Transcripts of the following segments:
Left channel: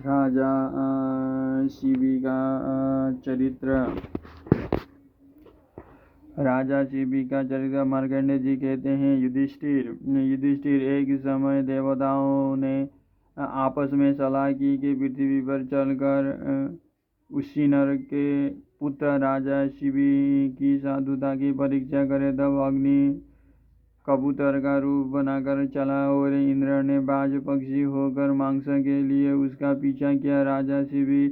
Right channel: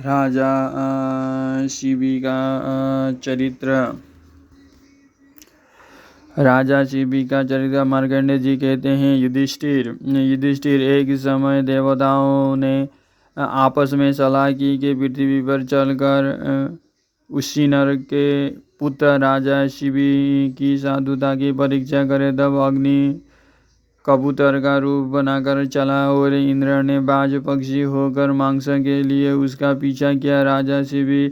राजा शिबी का चरित्र। राजा शिबी का चरित्र मार्कंडेय जी कहते हैं, युधिष्ठिर एक समय देवताओं ने आपस में सलाह की कि पृथ्वी पर चलकर उसी नर के पुत्र राजा शिबी की साधुता की परीक्षा करे। तब अग्नि कबूतर का रूप बनाकर चला और इंद्र ने बाज पक्षी होकर मांस के लिए उसका पीछा किया। राजा शिबी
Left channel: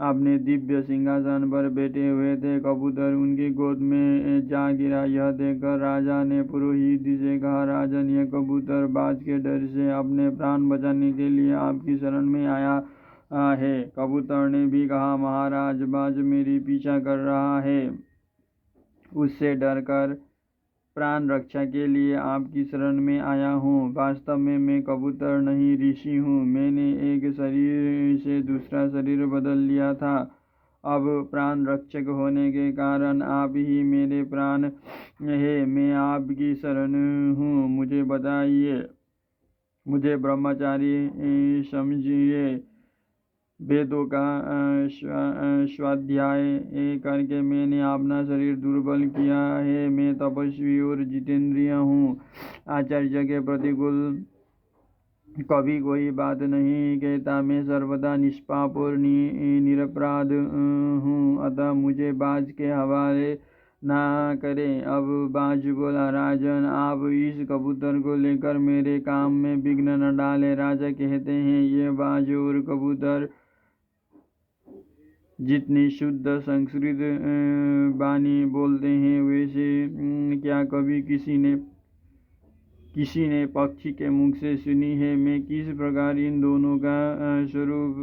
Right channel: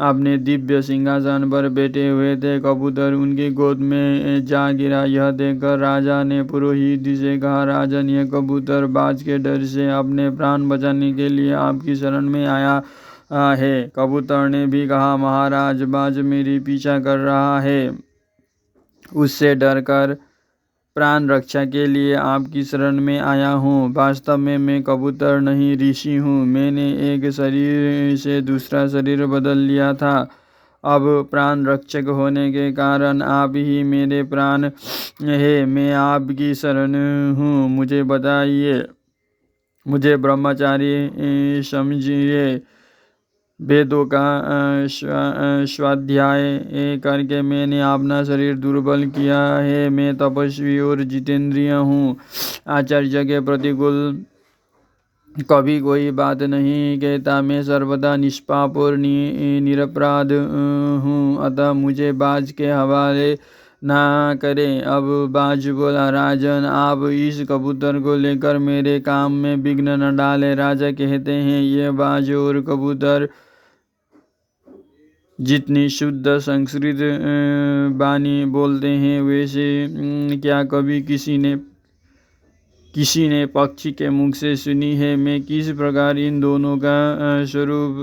अपने दिव्य सिंहासन पर बैठे हुए थे, कबूतर उनकी गोद में जा गिरा। यह देखकर राजा ने पुरोहित से कहा, राजन, यह कबूतर बाज के डर से अपने प्राण बचाने के लिए आपकी शरण में आया है। कबूतर ने भी कहा, महाराज, बाज मेरी पीछा कर रहा है, उससे डरकर प्राण रक्षा के लिए आपकी शरण में आया हूँ। वास्तव में मैं कबूतर नहीं, ऋषि हूँ। मैंने एक शरीर से दूसरा शरीर बदल लिया था। अब प्राण रक्षक होने के कारण आप ही मेरे प्राण है। मैं आपकी शरण हूँ, मुझे बताइए, मुझे ब्रह्मचारी समझिए। वेदों का स्वाध्याय करके मैंने अपना शरीर दुर्बल किया है। मैं तपस्वी और जितेंद्रिय हूँ। आचार्य के प्रतिकूल कभी कोई बात नहीं कहता। मैं सर्वदा निष्पाप और निरपराध हूँ, अतः मुझे बाज के हवाले ना करें। अब बाज बोला, राजन, आप इस कबूतर को लेकर मेरे काम में विघ्न न डालें। राजा कहते हैं, ये बाज और कबूतर जितनी शुद्ध संस्कृत वाणी बोलते हैं, वैसे क्या कभी किसी ने पक्षी के मुख से सुनी है? मैं किस प्रकार इन दोनों का स्वरूप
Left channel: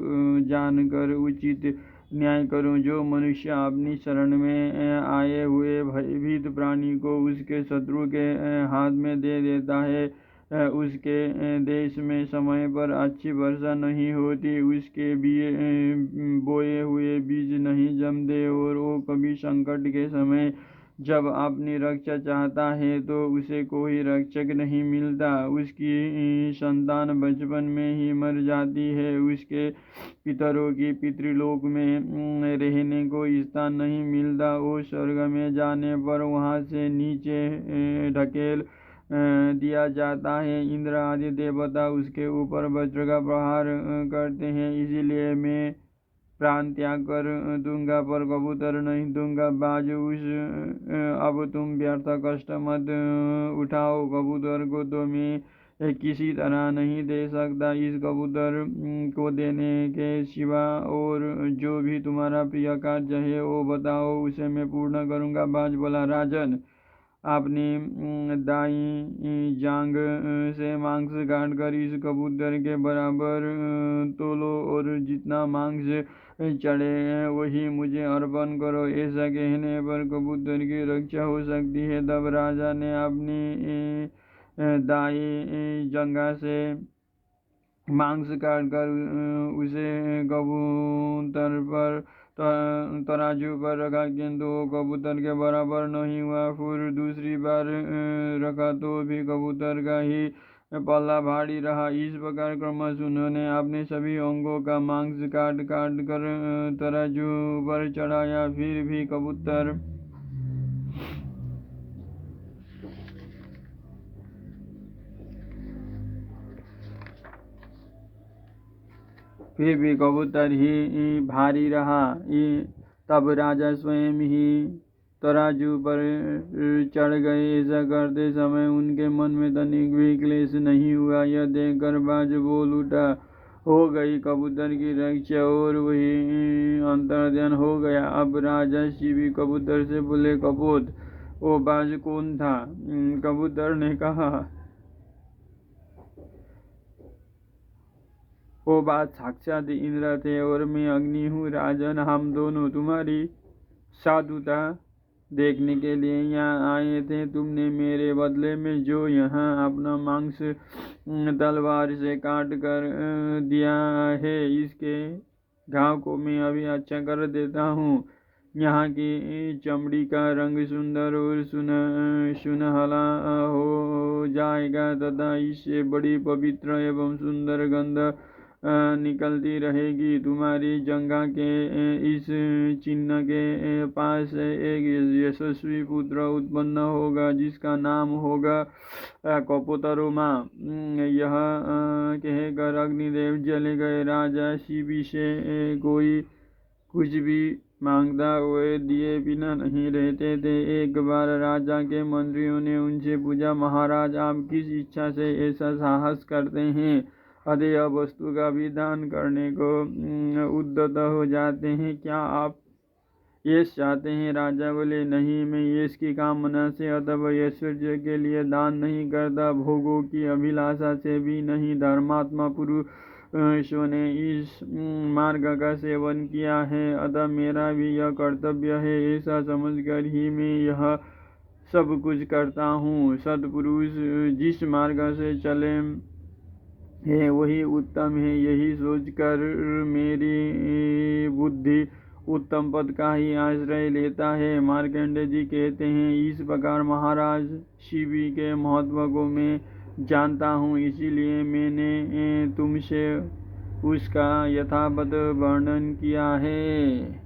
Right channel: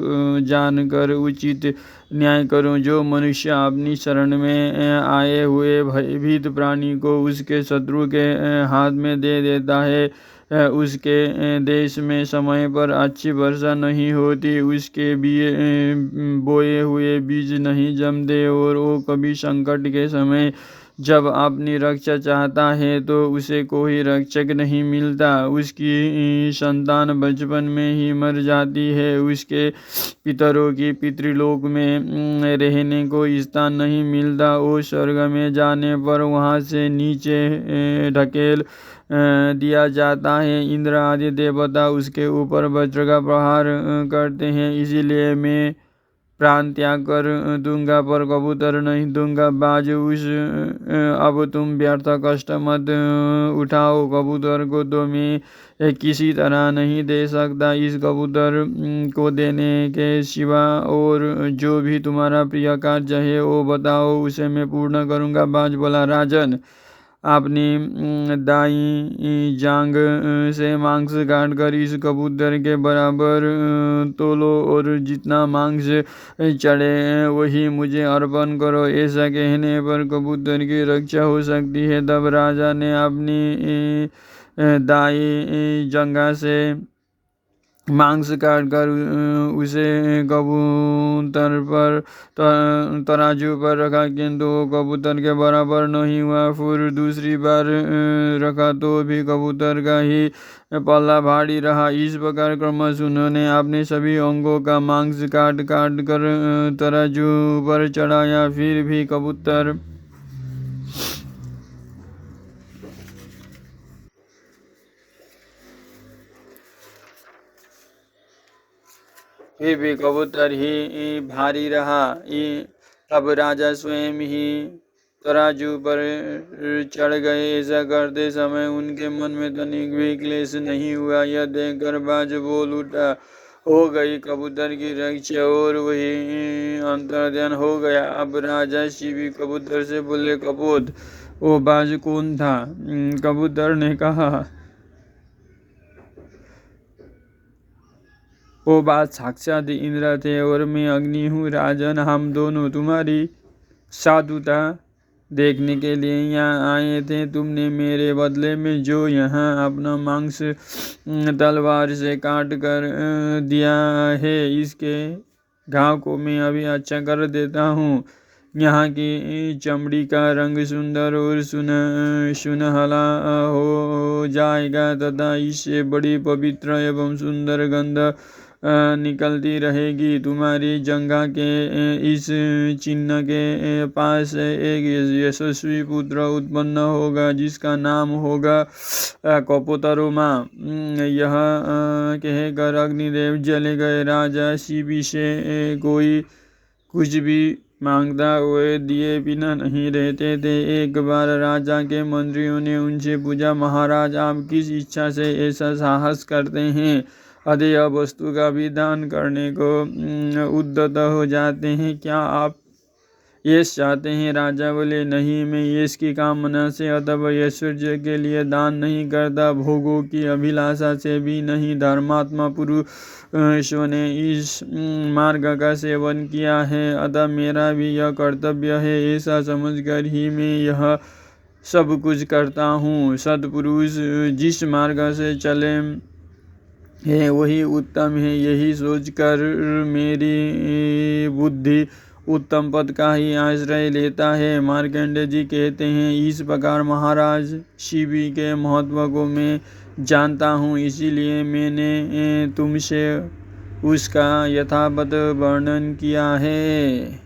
जानकर उचित न्याय करूं? जो मनुष्य अपनी शरण में आए हुए भयभीत प्राणी को उसके शत्रु के हाथ में दे देता है, उसके देश में समय पर अच्छी वर्षा नहीं होती, उसके बोए हुए बीज नहीं जमते और वो कभी संकट के समय जब अपनी रक्षा चाहता है तो उसे कोई रक्षक नहीं मिलता, उसकी संतान बचपन में ही मर जाती है, उसके पितरों की पितृलोक में रहने को स्थान नहीं मिलता, वो स्वर्ग में जाने पर वहाँ से नीचे ढकेल दिया जाता है। इंद्र आदि देवता उसके ऊपर वज्र का प्रहार करते हैं। इसीलिए मैं प्राण त्याग कर दूंगा, पर कबूतर नहीं दूंगा। बाज, अब तुम व्यर्थ कष्ट मत उठाओ। कबूतर को तो मैं किसी तरह नहीं दे सकता। इस कबूतर को देने के सिवा और जो भी तुम्हारा प्रिय कार्य है वो बताओ, उसे मैं पूर्ण करूंगा। बाज बोला, राजन, अपनी दाई जांग से मांस काट कर इस कबूतर के बराबर तोलो और जितना मांस चढ़े वही मुझे अर्पण करो। ऐसा कहने पर कबूतर की रक्षा हो सकती है। तब राजा ने अपनी दाई जंगा से मांस काट कर उसे कबूतर पर तराजू पर रखा, किंतु कबूतर के बराबर नहीं हुआ। फिर दूसरी बार रखा तो भी कबूतर का ही पल्ला भारी रहा। इस प्रकार क्रमश उन्होंने अपने सभी अंगों का मांस काट काट कर तराजू पर चढ़ाया, फिर भी कबूतर ही भारी रहा। तब राजा स्वयं ही तराजू पर चढ़ गए। ऐसा करते समय उनके मन में तनिक भी क्लेश नहीं हुआ। यह देखकर बाज बोल उठा, हो गई कबूतर की रक्षा और वही अंतर्ध्यान हो गया। अब राजा शिबी कबूतर से बोले, कपोत, वो बाज कौन था? कबूतर ने कहा, वो बात साक्षात इंद्र थे और मैं अग्नि हूँ। राजन, हम दोनों तुम्हारी साधुता देखने के लिए यहाँ आए थे। तुमने मेरे बदले में जो यहाँ अपना मांस तलवार से काट कर दिया है, इसके घाव को मैं अभी अच्छा कर देता हूँ। यहाँ की चमड़ी का रंग सुंदर और सुनहला हो जाएगा तथा इससे बड़ी पवित्र एवं सुंदर गंध निकलती रहेगी। तुम्हारी जंघा के इस चिन्ह के पास एक यशस्वी पुत्र उत्पन्न होगा जिसका नाम होगा कपोतरुमा। यह कहकर अग्निदेव चले गए। राजा शिबी से कोई कुछ भी मांगता हुए दिए बिना नहीं रहते थे। एक बार राजा के मंत्रियों ने उनसे पूछा, महाराज आप किस इच्छा से ऐसा साहस करते हैं? अधेय वस्तु का भी दान करने को उद्यत हो जाते हैं, क्या आप यश चाहते हैं? राजा बोले, नहीं, मैं यश की कामना से अथवा ऐश्वर्य के लिए दान नहीं करता, भोगों की अभिलाषा से भी नहीं। धर्मात्मा पुरुषों ने इस मार्ग का सेवन किया है, अतः मेरा भी यह कर्तव्य है। ऐसा समझकर ही मैं यह सब कुछ करता हूँ। सत्पुरुष जिस मार्ग से चले है वही उत्तम है, यही सोचकर मेरी बुद्धि उत्तम पद का ही आश्रय लेता है। मार्कंडेय जी कहते हैं, इस प्रकार महाराज शिवी के महत्व को मैं जानता हूँ, इसीलिए मैंने तुमसे उसका यथावत वर्णन किया है।